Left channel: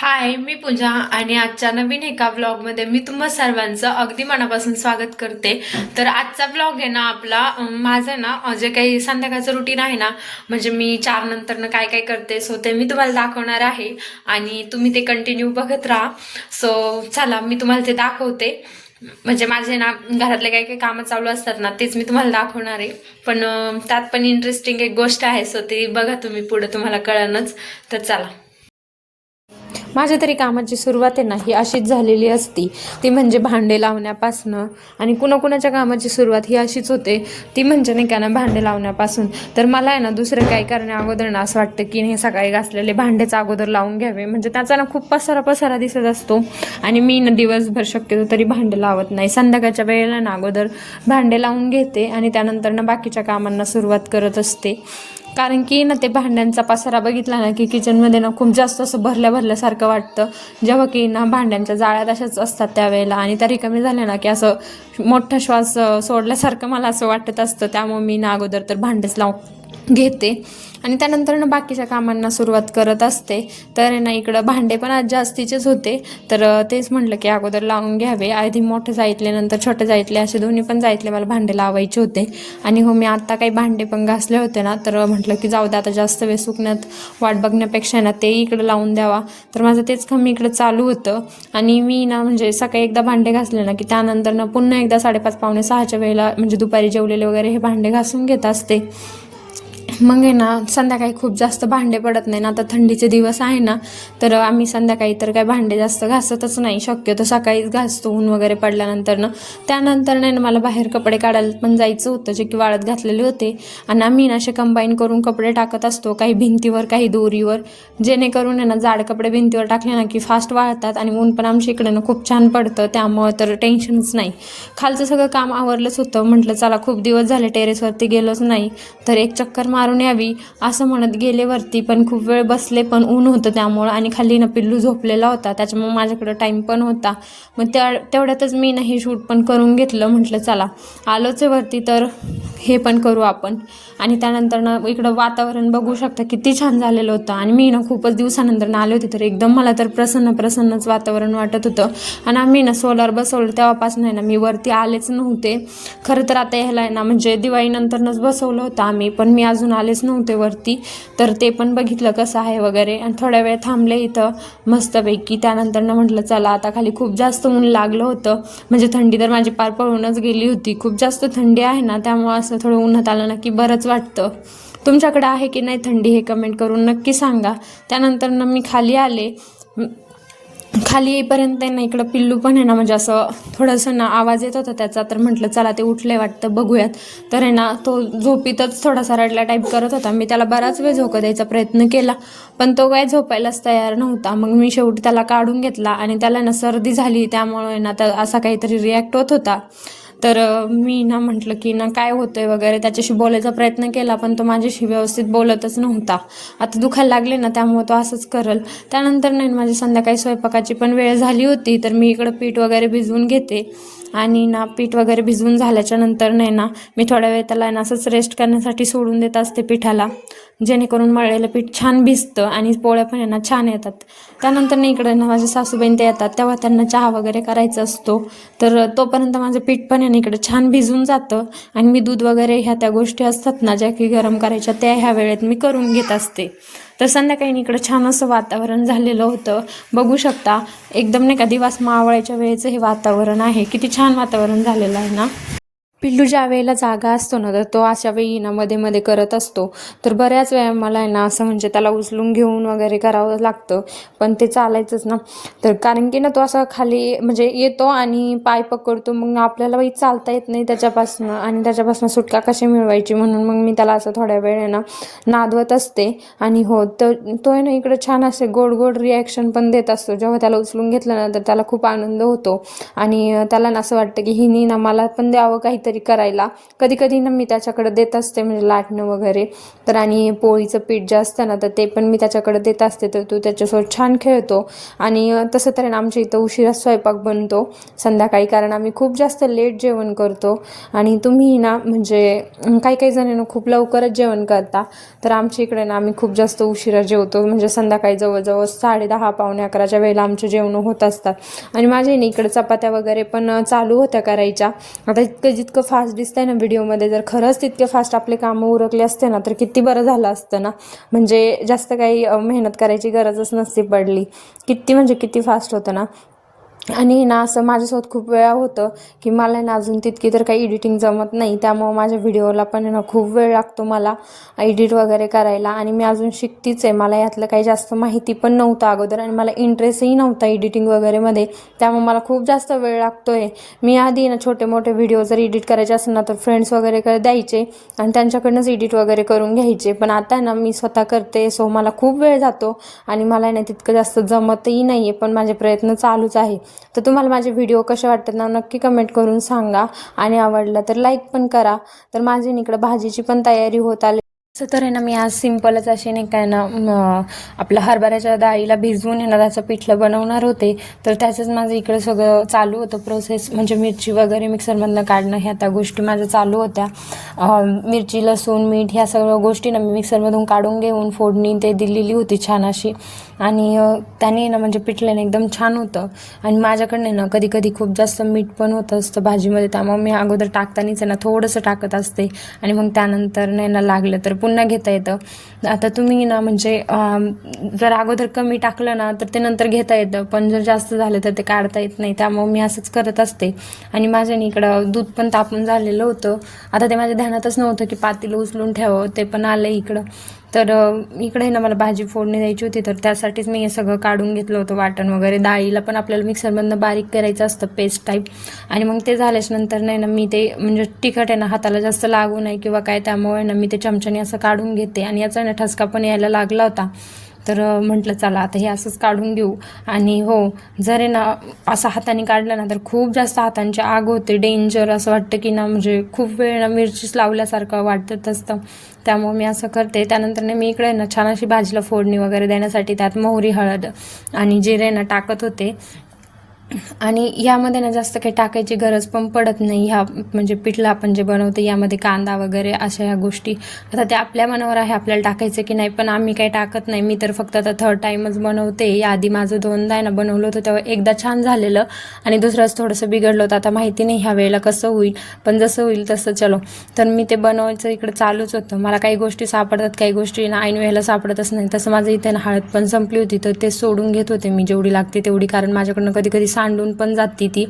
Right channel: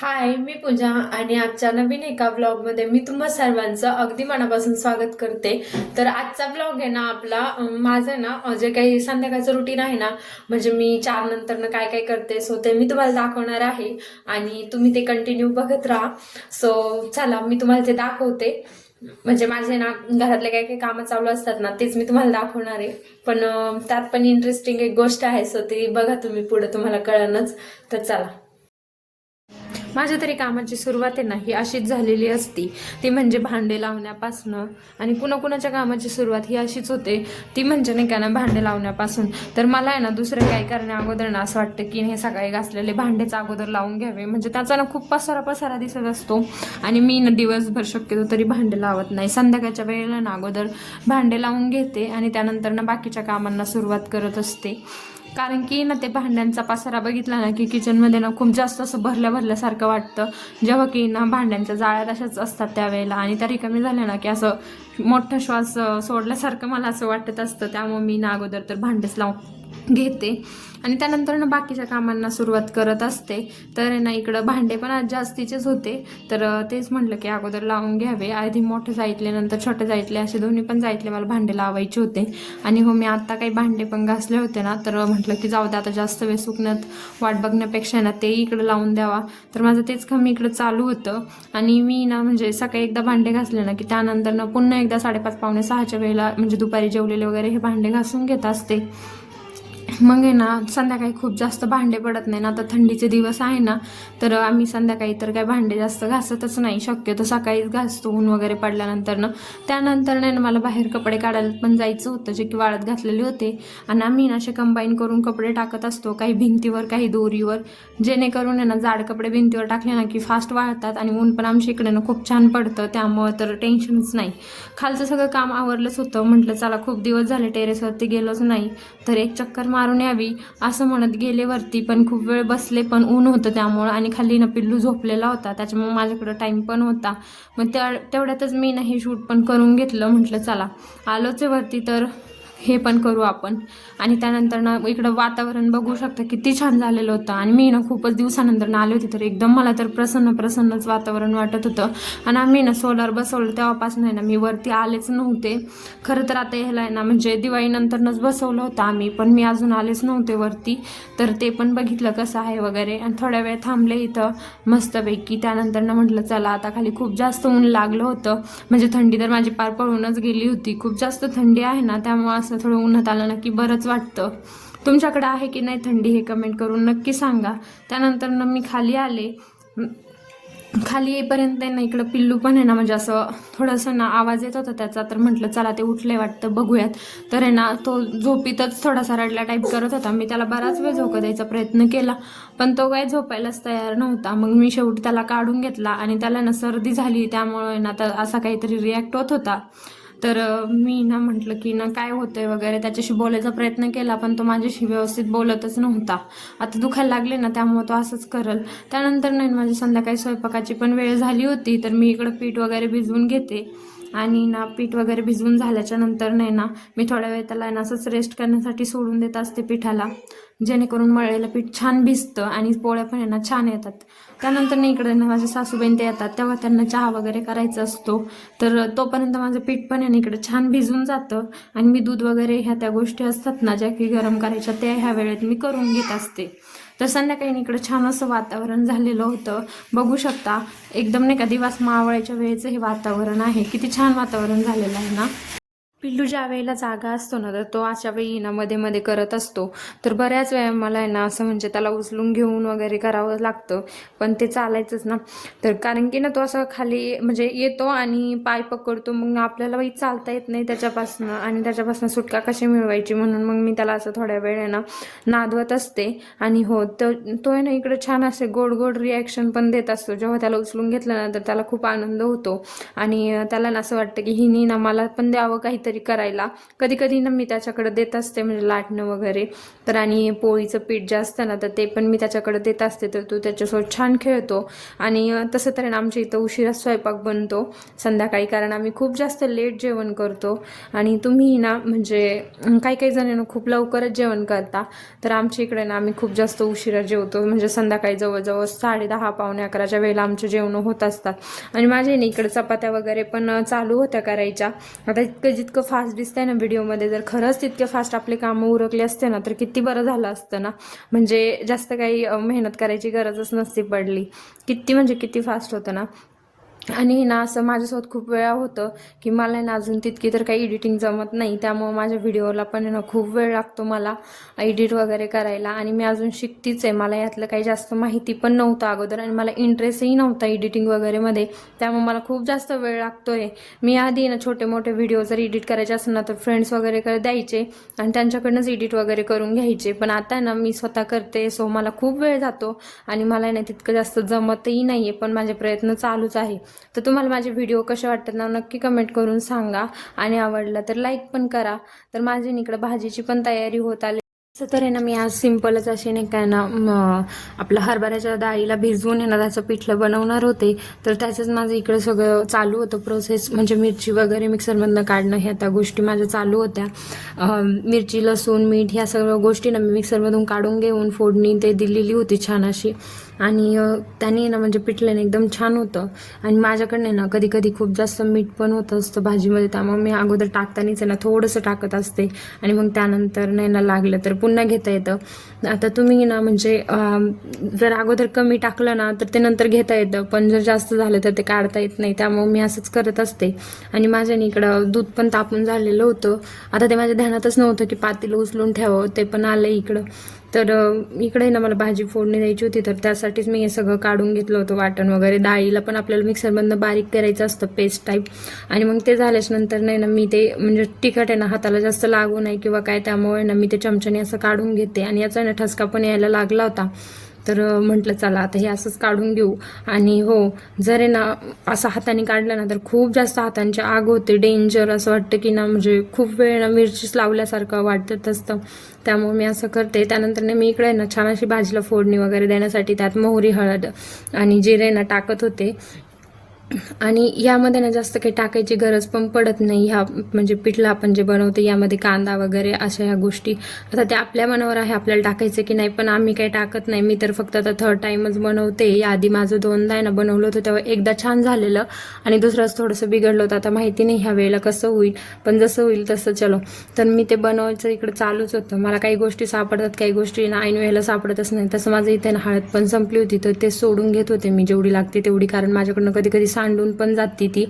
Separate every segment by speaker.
Speaker 1: हाय मी पूजा आणि आजच्या नवीन एका व्लॉगमध्ये मी तुम्हा सर्वांचं अगदी मनापासून स्वागत करते. तर आजचा व्लॉग आहे ना आपला माझं ना जे काही संध्याकाळचं रुटीन आहे ना म्हणजे मी चार नंतरनं काय काय करते सो ते मी तुम्हाला दाखवणार आहे. आणि तुम्ही ते कंटिन्यू बघत राहा. सो चला मी तुम्हाला ते दाखवते. म्हणजे माझे ना घरातले काही काही कामं चालू असतात ना तेच मी तुम्हाला दाखवणार आहे. पण त्यात पण इंटरेस्टिंग एक गोष्ट आहे सो ती बघा तुम्ही पुढं तुम्हाला कळणच तर चला. माझ्या तरी कामाची सुरुवात आहे ना ही अशीच झालेली असती. ती म्हणजे भांडे लावण्यापासनं. आणि कुणाकुणाच्या कामाची सुरुवात ही अशीच होते. ती म्हणजे नाही का ना भांडे लावण्यापासून. तर मला आहे ना दुसरं काही करण्या अगोदर ना असं वाटतं की हे सकाळी घासलेले भांडेच अगोदर लावून घ्यावे. म्हणजे त्याचा ना खूप पसारा पसारा दिसत असतो. आणि मी ना दिवसभर शक्यतो तरी भांडे लावत नाही. संध्याकाळच्या वेळेला ना अगोदर भांडे लावून घेते आणि त्यानंतर ना बाकीच्या कामांना सुरुवात करत असते. कारण की ना ते भांड्यांचा पसारा बघितला ना की किचनमध्ये ना खूप जास्त असं भरल्या भरल्यासारखं वाटतं. जेव्हा की ना भांड्यांच्या जाळ्यात अशाच असतात त्यावेळेला आणि त्या रिकामी झाल्या ना की असं मोठा श्वास सोडल्यासारखं मला असं वाटत असतं. त्यामुळे मी ना अगोदर तर भांडेच लावून घेते. आणि त्यानंतर ना बाकीच्या कामांना सुरुवात करत असते. तर आहे ना इकडं भांडे पण आज जास्तीचेच होते. तर तेच म्हटलं की अगोदर लावून घ्यावे. आधी मोठे जायतले नंतर छोटे जायतले. असे दोन्ही पण जायतले मला भांडे लावायचे होते. आणि हो मी आत्ता काही भांडे पण घासले होते ना तर म्हटलं की जाऊ दे आता जास्त वेळ सुकण्यात वाट बघण्यापेक्षा ना ते इकडं लावून द्यावा. तर माझं तेच काम इकडं चालू होतं. आणि मी ना म्हणजे सकाळी एकदा भांडे घासले ना की त्यानंतर ना पुन्हा एकदा साडेपाच पावणे सहाच्या वेळेला म्हणजे दुपारी जेवलेले वगैरे हे भांडे घासून घेत असते. मग आहे ना संध्याकाळी खूप जास्त भांडे पडत नाही ना आता थंडीचे दिवस आहे ना तर आम्ही संध्याकाळी तर काही भांडे जास्त घासतच नाही. शक्यतो सकाळीच घासतो ऊन वगैरे पडल्यानंतर ना. त्यानंतर नाही ना मला बाहेर कपडे काढायला पण जायचं होतं जे की वाळत घातलेले होते. आणि आम्ही ना असे कंबाईन करून कपडे टाकत असतो काही भिंतीवर काही दोरीवर. जेणेकरून आहे ना जाड कपडे भिंतीवर टाकले ना की फास्ट वाळतात आणि ऊन पण आमच्या इकडे ना खूप छान पडतं. त्यामुळं तर टेन्शनच नाही. खालचं सगळं काम आवरलंच होतं. म्हटलं चला खूप दिवस झाले टेरेसवरती गेलोच नाही. तर एक चक्कर मारून यावी असं म्हणत गेले वरती पण खूप वेळ बसले पण ऊन होतं त्यामुळं आणि खाली ना पिल्लू झोपलेला होता. त्याच्यामुळे माझ्याकडं टाईम पण होता. मग त्या तेवढ्यातच मी ना हे शूट पण करून घेतलं म्हटलं चला. आलोच आहे वरती तर हे पण करू आपण. आणि त्यानंतर ना इकडं वातावरण बघू शकता किती छान झालेलं होतं. आणि मी ना खूपच दिवसानंतर ना आले होते तर एकदम मला तर प्रसन्न प्रसन्नच वातावरण वाटत होतं. आणि आम्ही ना सोलार बसवलं तेव्हापासून आहे ना मी वरती आलेच नव्हते. खरं तर आता ह्याला आहे ना म्हणजे दिवाळीनंतरनंच बसवलं होतं आम्ही पण मी अजून आलेच नव्हते वरती. तर ते पण बघितलं कसं आहे वगैरे. आणि थोड्या वेळ थांबले इथं मस्तपैकी. त्यानंतर ना म्हटलं चला आता खाली खूप जास्त ऊन लागलं होतं. म्हणजे थंडी तर माझी पार पळूनच गेली होती. खूप जास्त थंडी आहे ना त्यामुळं असं थोडं उन्हात आलं ना की बरंच वाटतं. तुमच्याकडे आहे की नाही थंडी हे कमेंट करून नक्की सांगा. त्यानंतर ना मी खाली आले. खाली येईपर्यंत आहे ना इकडं पिल्लू पण आहे ना म्हणजे असं थोडंसं ना आवाज येत होता त्याचा तर म्हटलं चला ते उठले वाटतं बघूयात. तर आहे ना तो झोपीतच थोडासा रडला टाईप करत होता. मी त्याला बराच वेळ झोका द्यायचा प्रयत्न केला पण तो काय झोपायलाच तयार नव्हता. मग मी शेवटी त्याला काढून घेतला आणि त्याला ना सर्दी झाली त्यामुळे ना त्या असा काहीतरी रिॲक्ट होत होता. तर मी ना म्हटलं की ना काय होतंय वगैरे त्याच्याशी बोलायचा प्रयत्न केला पण तो माझ्याशी व्यवस्थित बोलतच नव्हता. आता दुखायला लागले ना त्यामुळे तो असंच करल. त्यानंतर नाही माझी संध्याकाळी स्वयंपाकाची पण वेळ झाली होती तर मी इकडं पीठ वगैरे भिजवून घेते. आणि ना पीठ वगैरे भिजवून झाल्याच्यानंतर नाही ना मी थोड्या वेळ त्याला ना असंच रेस्ट करण्यासाठी सोडून देत असते पिठाला जेणेकरून मळलेलं पीठ छान भिजतं आणि पोळ्या पण आहे ना छान येतात. त्यानंतर ना इकडे ना माझे सासूबाईन ते येतात तेव्हा त्यांना चहा वगैरे करायचा असतो. तर तोपर्यंत माझं पीठ पण आहे ना इकडे छान भिजून जातं आणि मी दूध वगैरे ह्या त्या गोष्टी असतात ना ज्या की गरम करायच्या त्या ह्या वेळेत मी करून घेत असते. तर संध्याकाळी इकडं छान असं वातावरण झालेलं होतं. बघू शकता एकदम नाही का दिवस मावळ्याच्या वेळेचं हे वातावरण आहे. किती छान वातावरण झालेलं आहे ना? पिल्लू ज्या वेळेला जागा असतो ना तर तो अशा वेळी ना मध्ये मध्ये करत असतो. तर बऱ्याच वेळा मला आहे ना असं म्हणजे त्याला उचलून घेऊन वगैरे करावं लागतं. पण ते चालायचंच ना. तर कारण की ना तो असा खाली म्हणजे येतो आणि पाय पकडतो मग आपल्याला बाई चालता येत नाही त्याच्यापासून. आणि त्याच्यापासून सुटका कशी मिळवायची? म्हणून मग मी त्याला असं थोड्या वेळ ना नादवत असते. आणि हो तो तो आहे ना इकडे छान असे गोड गोड रिॲक्शन पण देत असतो. जेव्हा त्याला उचलून घेतलं ना तर त्याला खूप आनंद होतो. आणि त्याला ना असं वाटतं की हिनी ना मला पण द्यावं काहीतरी. काहीतरी करायला. कधी कधी ना मी त्याच्याकडे देत असते म्हणजे लाटणं वगैरे. तर आणि पोळीचं पीठ जे असतं ना तर ते पण मी त्याच्याकडे देत असते. तर तो त्याच्यासोबत छान खेळतो. आणि तसं तर ना आमच्या इथं उशिरा स्वयंपाक बनतो. संध्याकाळी कारण आम्ही खूप जास्त लेट जेवण करतो. आणि तुम्ही ना म्हणजे काही काही जणांना खूप लवकरच जेवण करता. तर आमच्या इकडे ना आम्ही खूप जास्त उशिरा जेवतो. म्हणजे संध्याकाळी जवळजवळ साडे दहा पावणे अकराच्या वेळेला आमचे जेवणं होत असतात. आणि माझ्या इकडे चपात्या वगैरे पण चालू होत्या करायच्या. आता इतकं जितकं फास्ट दिसतंय ना व्हिडिओमध्ये जर खरंच तितके फास्ट आपले कामं उरकले असते ना तर किती बरं झालं असतं ना. म्हणजे जास्त काही मेहनत करायची गरजच नसती पडली. किती म्हणजे किती फास्ट होतं ना. आणि ना असं माझ्यासोबत खूप वेळा होतं की मला ना अजून तितकी तर काही एडिटिंग जमत नाही. त्यामुळं माझ्या व्हिडिओला पण आहे ना खूप वेळ लागतो मला एडिट वगैरे करायला. आणि मी अजून शिकतीच आहे. मला यातलं काही जास्त माहिती पण नव्हतं अगोदर आणि मला इंटरेस्टही नव्हता एडिटिंग वगैरेमध्ये त्यामुळे मला खूप जास्त वेळ लागतो आहे मी आधी ना छोटे मोठे व्हिडिओ जर एडिट करायचे असेल ना तर फ्रेंड्स वगैरेकडे द्यायचे आणि त्यांच्याकडनंच एडिट वगैरे करून घ्यायचे. पण आता ना मी स्वतः करते सो मला खूप वेळ जातो आणि मला ना तितकं जास्त जमतही नाही आहे पण माझे प्रयत्न चालूच आहे. तर तुम्हाला माझे व्हिडिओ कसे वाटतात ना नक्की कमेंट करून सांगा. आणि आवडला तर लाईक पण करा. तर माझी इकडं भाजीची पण तयारी होत आली. असं तर आहे ना मी आज सिम्पलच असे नाही काय ना आपल्या आपलं हरभऱ्याच्या डाळीला भिजवून आहे ना त्याचं पिठलं बनवणार होते. तर त्याचंच माझं इकडं सगळं चालू होतं प्रोसेस म्हणजे मिरची वगैरे मिक्सरमधनं काढणं ह्या त्या गोष्टी माझ्या चालू होत्या. मिरची लसूण मीठ ह्या सगळ्या गोष्टी ना मी मिक्सरमधून काढून घेऊन फोडणी ते दिलेली होती छान अशी. आणि त्याने ना म्हणजे पिठल्याने एकदम छान होतं. आणि माझ्याकडनं ना कधी कधी खूप जास्त मीठ पण होत असतं भाजीमध्ये. त्यामुळे मी अगोदर टाकतानीच आहे ना थोडंसं टाकत असते. आणि मग त्यानंतर नाही ना लागलं तर पुन्हा घेता येतं. आता तुम्ही ना म्हणजे जर अगोदर कमी टाकलं ना तर ते नंतर घेता येतं. पण जर जास्त झालं तर ते काढता येत नाही. त्यामुळे मी असंच करत असते. आणि माझ्याने इकडं दूध पण तापून झालेलं होतं. आता ते माझ्या ध्यानातच नव्हतं की पातील उचलून ठेवावं. ते पण आलं इकडं. तर इकडे ना मला भाजी फोडणी द्यायची होती. तर त्यासाठीच मी हे सगळं काढून घेतलं होतं. वाटण वगैरे डाळीला पण आपल्याला मिक्सरमधनं बारीक करायचं असतं पेस्ट टाईप आणि मग ते झाल्याच नंतर नाही ना मी ते म्हणजे तिखट आहे ना हाताला जास्त लागू नाही किंवा काय त्यामुळे ना मी ते चमच्याने असं काढून घेते. आणि याचा ना ठसका पण यायला लागला होता. तर म्हटलं चला आता हे असंच काढून घेऊ. आणि हो जर आहे ना असं हाताने काढलं ना तर खूप जास्त हातांची आग होते. डेंजर असं वाटतं की ना म्हणजे खूप वेळ ना मिरचीच लावल्यासारखं वाटत असतं. त्यामुळे मी असं करते. त्यानंतर ना मी इकडे ना छान अशी भाजीला फोडणी वगैरे देण्यासाठी त्यात मोहरी हळद आणि जिरे ना टाकत होते. आणि यामध्ये ना जास्त काही टाकायची गरज पण पडत नाही. ह्या म्हणजे पिठलं आपण जे बनवतो यामध्ये कांदा वगैरे अशा ह्या गोष्टी. आता ते आपल्या मनावर आहे आपल्याला टाकायचं की नाही पण आम्ही काही टाकत नाही. मी तर फक्त आता थर्ड टाईमच बनवते. याआधी माझं दोनदा आहे ना बनवलं होतं तेव्हा एकदा छान झालेलं. आणि दुसरंच थोडंसं बिघडलं होतं. आता माहिती नाही ह्या वेळेला कसं होईल. पण जसं होईल तसं चलो. तर मी ते बनवायचं इकडं चालूच होतं. मला काही गोष्टी सापडतात काही गोष्टी ना ऐन वेळेला सापडतच नाही. तसं माझं इथे ना हळद पण संपली होती तर ते सोडून घेत होते मी जेवढी लागते तेवढी. कारण माझ्याकडनं कधी कधी सांडून पण जाते ती.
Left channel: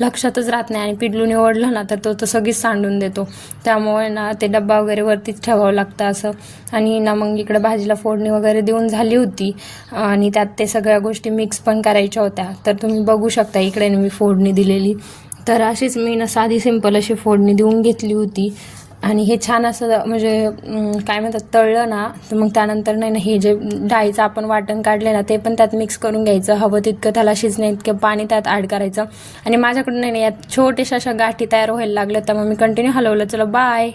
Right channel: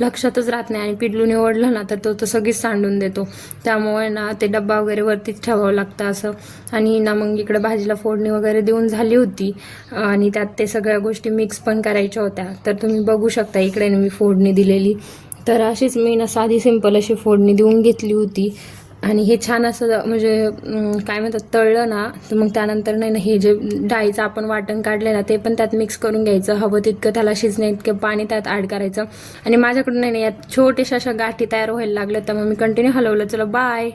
Speaker 1: लक्षातच राहत नाही आणि पिडलू निवडलं ना तर तो तर सगळीच सांडून देतो. त्यामुळे ना ते डब्बा वगैरे वरतीच ठेवावं लागतं असं. आणि ना मग इकडं भाजीला फोडणी वगैरे देऊन झाली होती. आणि त्यात ते सगळ्या गोष्टी मिक्स पण करायच्या होत्या. तर तुम्ही बघू शकता इकडे मी फोडणी दिलेली. तर अशीच मी ना साधी सिंपल अशी फोडणी देऊन घेतली होती. आणि हे छान असं म्हणजे काय म्हणतात तळलं ना तर मग त्यानंतर नाही ना हे जे डाळीचं आपण वाटण काढले ना ते पण त्यात मिक्स करून घ्यायचं. हवं तितकं त्याला शिजणे इतकं पाणी त्यात ॲड करायचं. आणि माझ्याकडून नाही ना यात छोट्याशा अशा गाठी तयार व्हायला लागल्या त्यामुळे मी कंटिन्यू हलवलं. चला बाय